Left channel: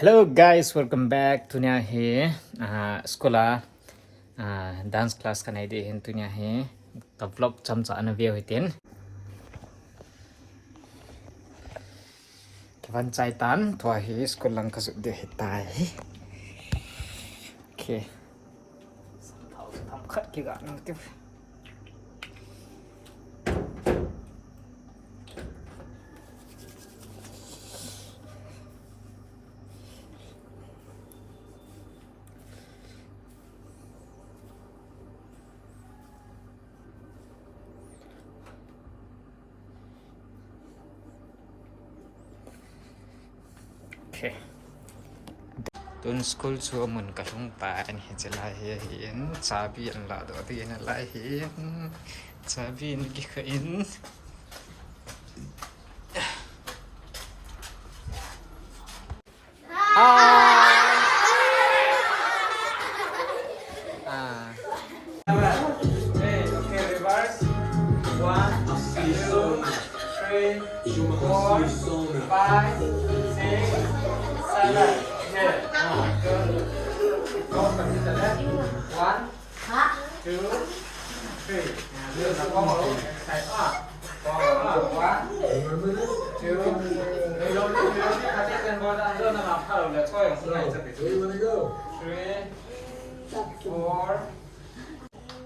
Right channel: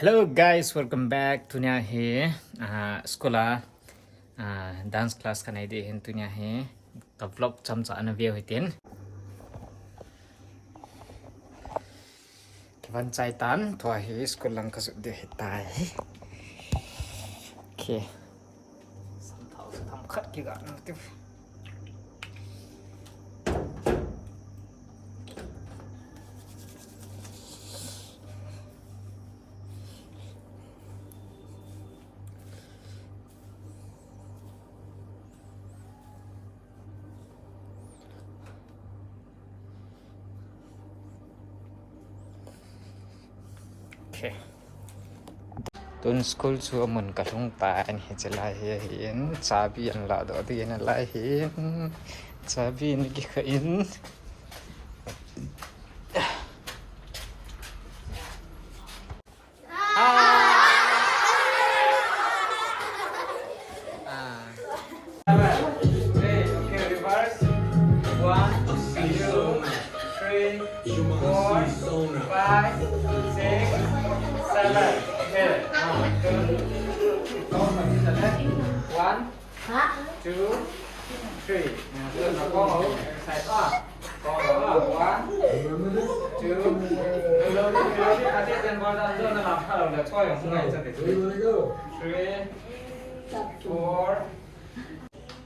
Hello guys, welcome back to nya he sekolah dance class kanai de hen tu nya he ta vlog cham cha ana view hiten kawan chai tan thwa he school lang ka su de hetai okay sam thau tham khat ki ga na ti okay tun school chu mun ka thung pa ani he chalai he in chabi an la do ti na lai he chabi ni ki kha in okay reverse 1 2 3 4 5 7 okay good go consider that 1 2 3 now go side up go 1 2 hello hati hati bola itu nama kalau lihat kau yang sungai sampai 3 4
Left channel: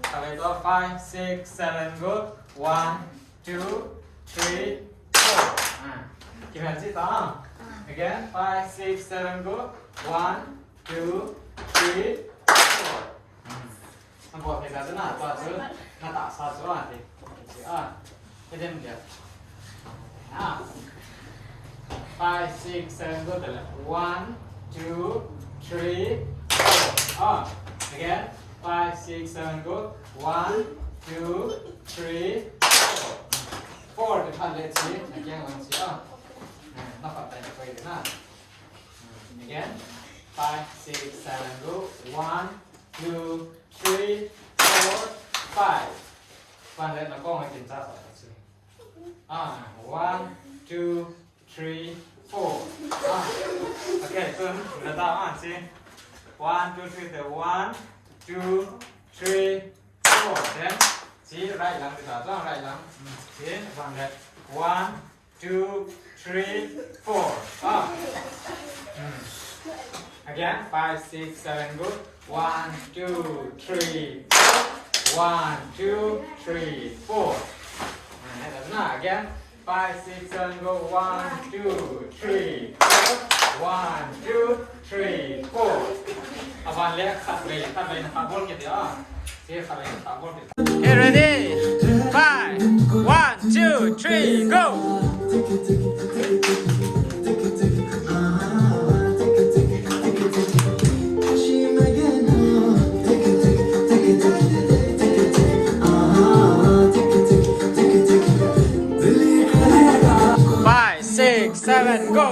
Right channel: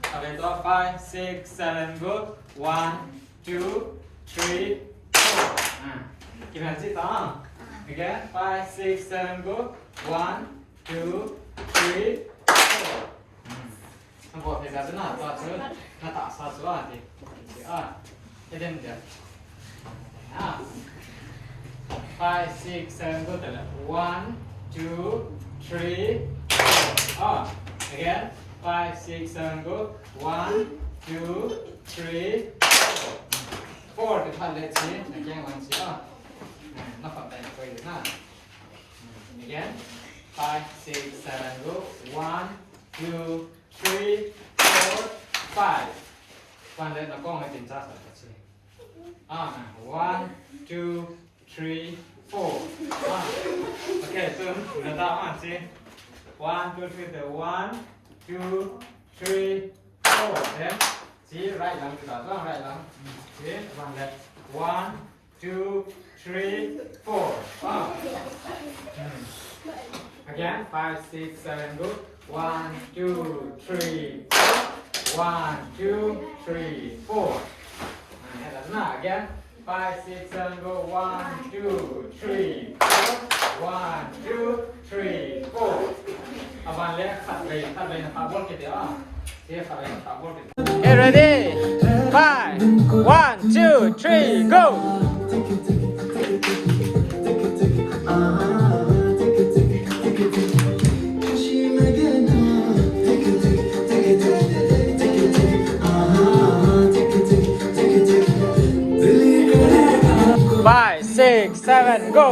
sampai itu 5 6 7 go 1 2 3 4 gimana sih tang again 5 6 7 go 1 2 3 4 buat kita tu nak apa tu nak tak satu ni jadi dia 5 6 7 go 1 2 3 4 again 5 6 7 go 1 2 3 4 kita lihat sini again one sih nó phản tài quay đến nào again 5 6 7 go 1 2 3 4 5 quan lên nó có ngay kiểm tra phải chứ 1 2 3 4 ok tuần là tao mà xin 1 2 3 1 2 3 4 then see right lắm từ đó right lắm then quan lên 1 2 3 4 again 5 6 7 good 1 2 3 1 2 3 4 again 5 6 7 go 1 2 3 4 1 2 3 4 awan lihat tak boleh nampak bol kita dia kalau nampak bol hey ready 5 1 2 3 go 5 6 7 go